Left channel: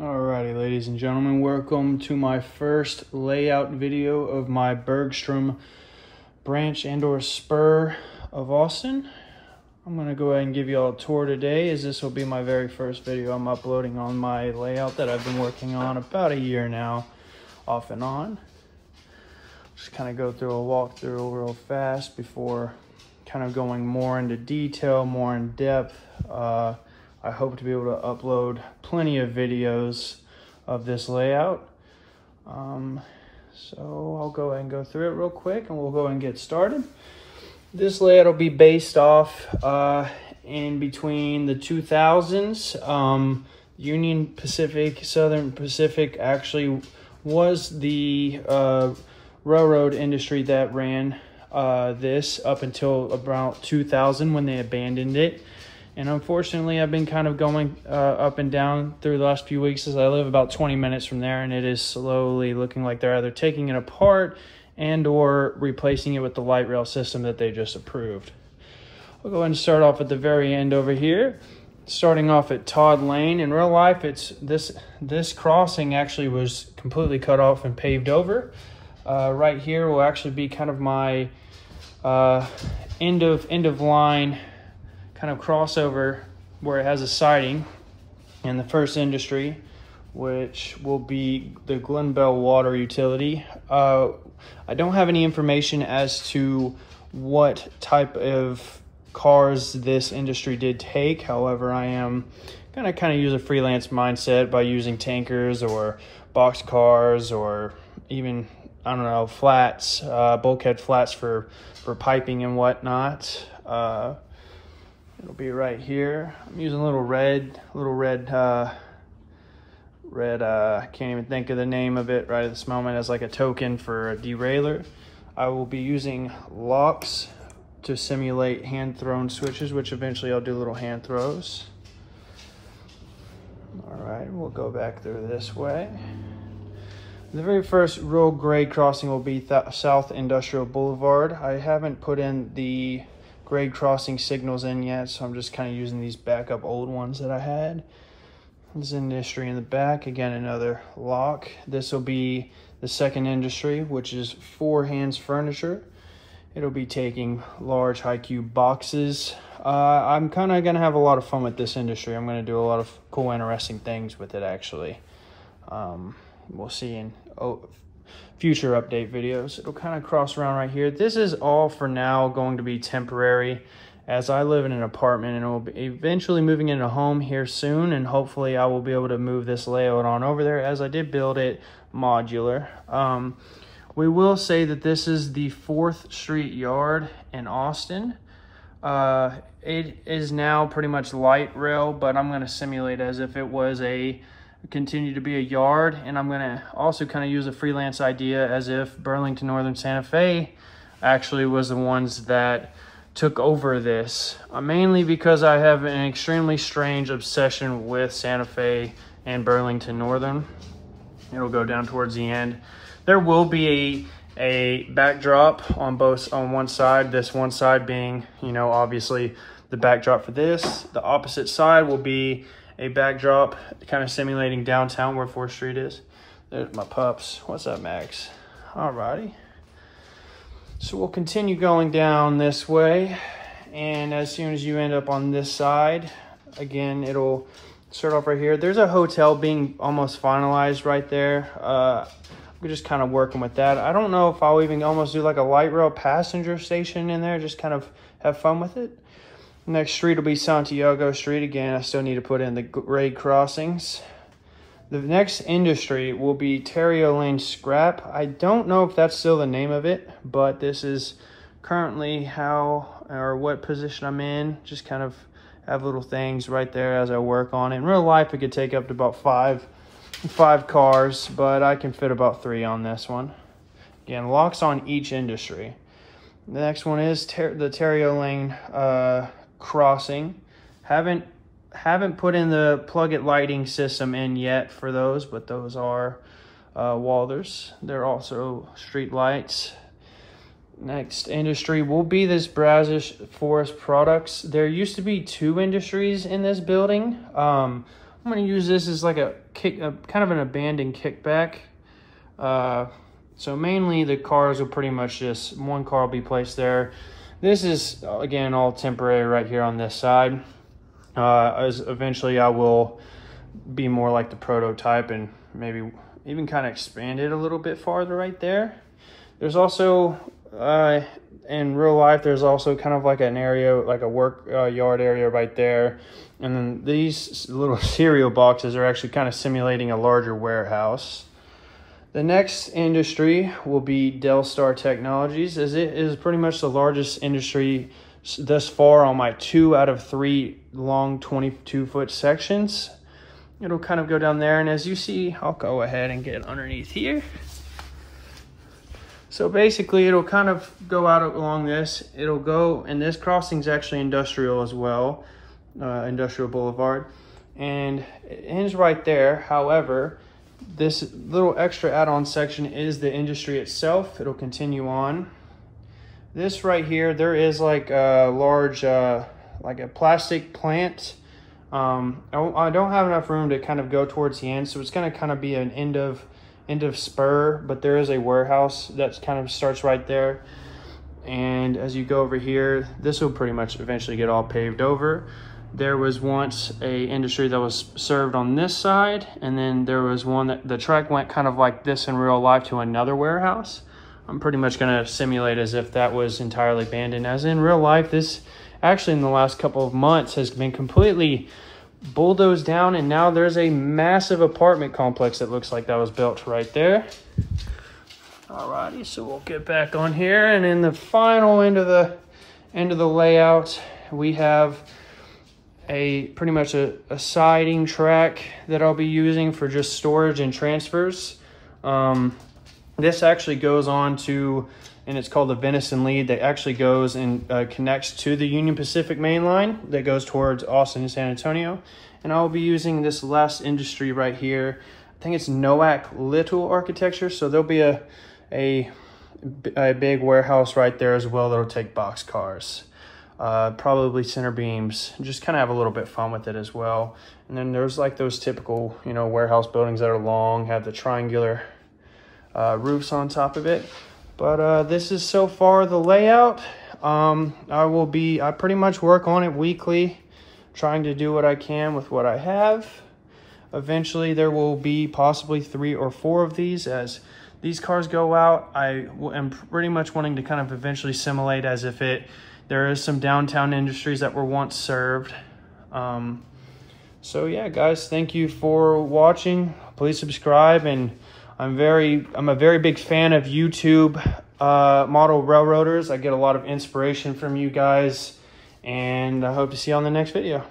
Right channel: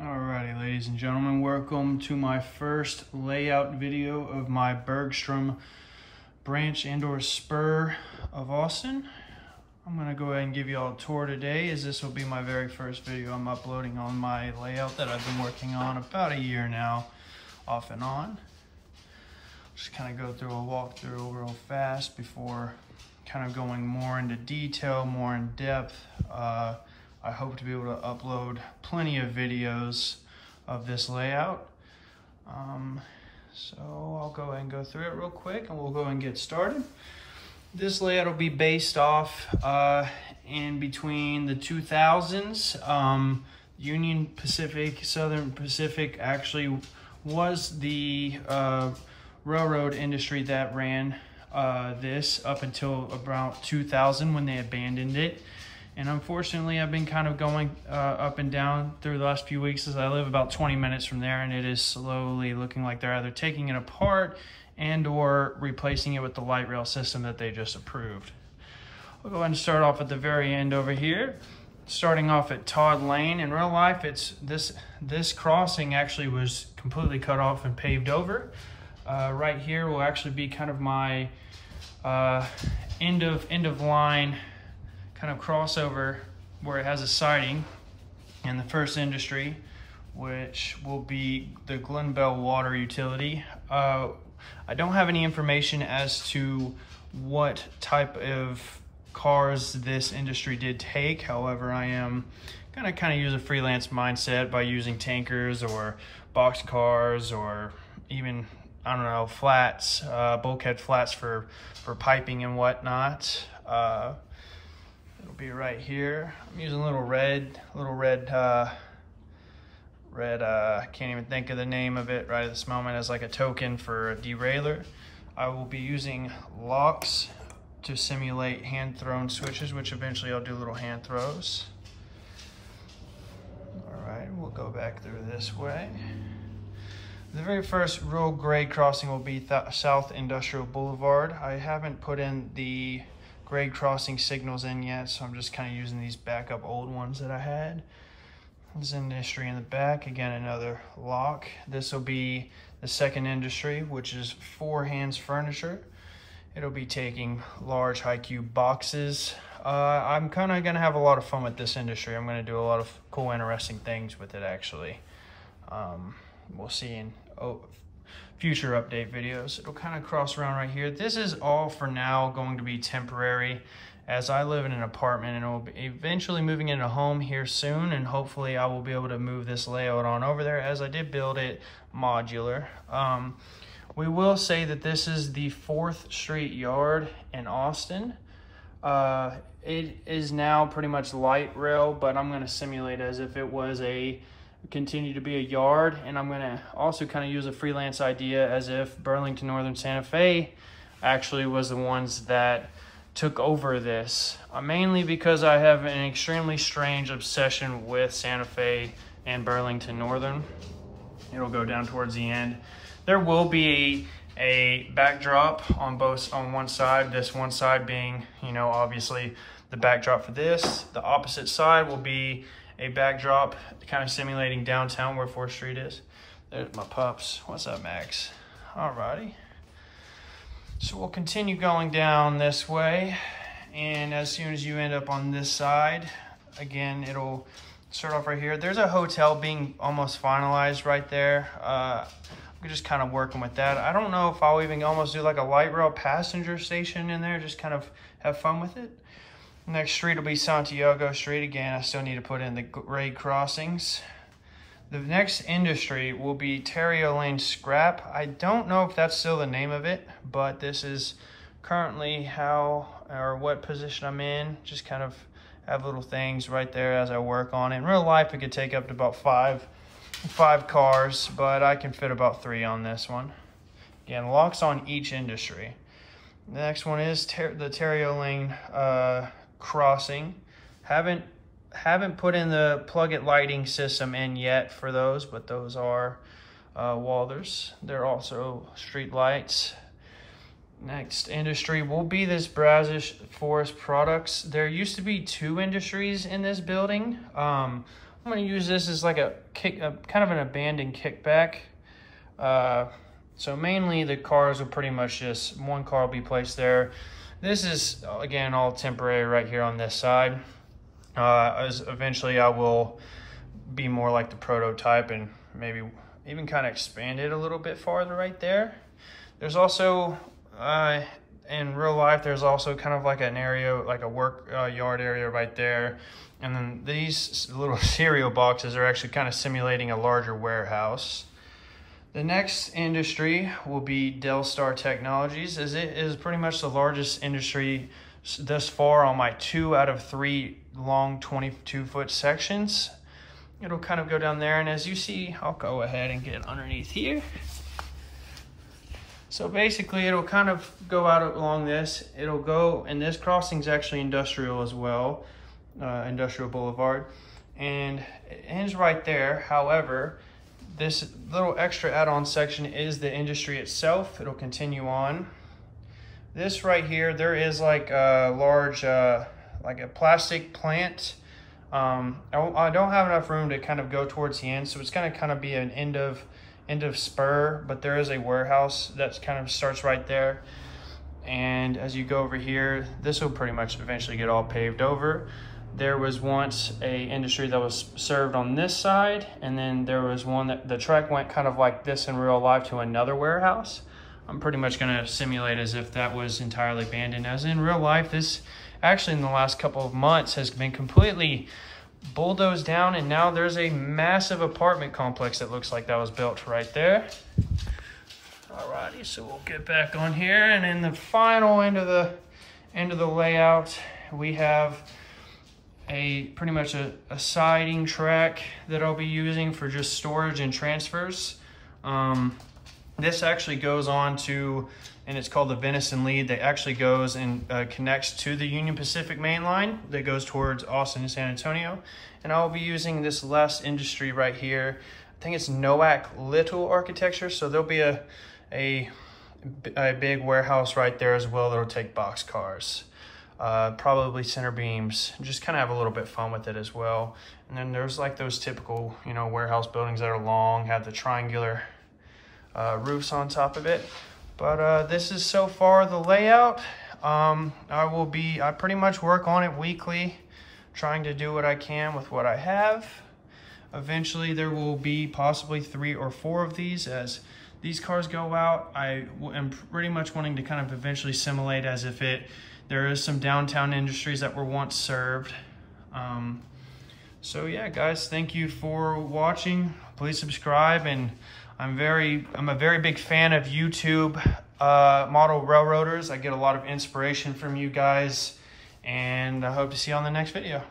Alrighty, ladies and gentlemen, welcome to my first layout video of my Bergstrom branch and/or spur of Austin. I'm going to go ahead and give you all a tour today, as this will be my very first video I'm uploading on my layout that I've been working on about a year now, off and on. Just kind of go through a walkthrough real fast before kind of going more into detail, more in depth. I hope to be able to upload plenty of videos of this layout. So I'll go ahead and go through it real quick and we'll go and get started. This layout will be based off in between the 2000s. Union Pacific, Southern Pacific actually was the railroad industry that ran this up until about 2000 when they abandoned it. And unfortunately, I've been kind of going up and down through the last few weeks, as I live about 20 minutes from there, and it is slowly looking like they're either taking it apart and or replacing it with the light rail system that they just approved. We'll go ahead and start off at the very end over here. Starting off at Todd Lane. In real life, it's this crossing actually was completely cut off and paved over. Right here will actually be kind of my end of line kind of crossover where it has a siding, and the first industry, which will be the Glen Bell water utility. I don't have any information as to what type of cars this industry did take. However, I am gonna kind of use a freelance mindset by using tankers or box cars or even, I don't know, flats, bulkhead flats for piping and whatnot. It'll be right here. I'm using a little red, I can't even think of the name of it right at this moment, as like a token for a derailleur. I will be using locks to simulate hand-thrown switches, which eventually I'll do little hand throws. All right, we'll go back through this way. The very first road grade crossing will be South Industrial Boulevard. I haven't put in the grade crossing signals in yet, so I'm just kind of using these backup old ones that I had. There's industry in the back, again another lock. This will be the second industry, which is Four Hands Furniture. It'll be taking large high cube boxes. I'm kind of gonna have a lot of fun with this industry. I'm gonna do a lot of cool, interesting things with it actually. We'll see in future update videos. It'll kind of cross around right here. This is all for now going to be temporary, as I live in an apartment and will be eventually moving into a home here soon, and hopefully I will be able to move this layout on over there, as I did build it modular. We will say that this is the 4th Street yard in Austin. It is now pretty much light rail, but I'm going to simulate as if it was continue to be a yard, and I'm gonna also kind of use a freelance idea as if Burlington Northern Santa Fe actually was the ones that took over this, mainly because I have an extremely strange obsession with Santa Fe and Burlington Northern. It'll go down towards the end. There will be a backdrop on one side, this one side being, you know, obviously the backdrop for this. The opposite side will be a backdrop kind of simulating downtown where 4th Street is. There's my pups. What's up, Max? Alrighty. So we'll continue going down this way, and as soon as you end up on this side, again, it'll start off right here. There's a hotel being almost finalized right there. We're just kind of working with that. I don't know if I'll even almost do like a light rail passenger station in there, just kind of have fun with it. Next street will be Santiago Street. Again, I still need to put in the grade crossings. The next industry will be Terrio Lane Scrap. I don't know if that's still the name of it, but this is currently what position I'm in. Just kind of have little things right there as I work on it. In real life, it could take up to about five cars, but I can fit about 3 on this one. Again, locks on each industry. The next one is the Terrio Lane crossing. Haven't put in the plug-it lighting system in yet for those, but those are Walders. They're also street lights. Next industry will be this Brazos Forest Products. There used to be 2 industries in this building. I'm gonna use this as like a kind of an abandoned kickback. So mainly the cars will pretty much just, one car will be placed there. This is, again, all temporary right here on this side. As eventually I will be more like the prototype and maybe even kind of expand it a little bit farther right there. There's also, in real life, there's also kind of like an area, like a work yard area right there. And then these little cereal boxes are actually kind of simulating a larger warehouse. The next industry will be Delstar Technologies, as it is pretty much the largest industry thus far on my 2 out of 3 long 22-foot sections. It'll kind of go down there, and as you see, I'll go ahead and get underneath here. So basically, it'll kind of go out along this. It'll go, and this crossing is actually industrial as well, Industrial Boulevard, and it ends right there. However, this little extra add-on section is the industry itself. It'll continue on. This right here, there is like a large, like a plastic plant. I don't have enough room to kind of go towards the end, so it's gonna kind of be an end of spur, but there is a warehouse that kind of starts right there. And as you go over here, this will pretty much eventually get all paved over. There was once a industry that was served on this side, and then there was one that the track went kind of like this in real life to another warehouse. I'm pretty much gonna simulate as if that was entirely abandoned. As in real life, this actually in the last couple of months has been completely bulldozed down, and now there's a massive apartment complex that looks like that was built right there. Alrighty, so we'll get back on here, and in the final end of the layout, we have pretty much a siding track that I'll be using for just storage and transfers. This actually goes on to, and it's called the Venison Lead, that actually goes and connects to the Union Pacific main line that goes towards Austin and San Antonio. And I'll be using this last industry right here. I think it's Noack Little Architecture, so there'll be a big warehouse right there as well that'll take box cars. Probably center beams, just kind of have a little bit fun with it as well. And then there's like those typical, you know, warehouse buildings that are long, have the triangular roofs on top of it. But this is so far the layout. I pretty much work on it weekly, trying to do what I can with what I have. Eventually there will be possibly 3 or 4 of these. As these cars go out, I am pretty much wanting to kind of eventually simulate as if there is some downtown industries that were once served. So yeah, guys, thank you for watching. Please subscribe, and I'm a very big fan of YouTube model railroaders. I get a lot of inspiration from you guys, and I hope to see you on the next video.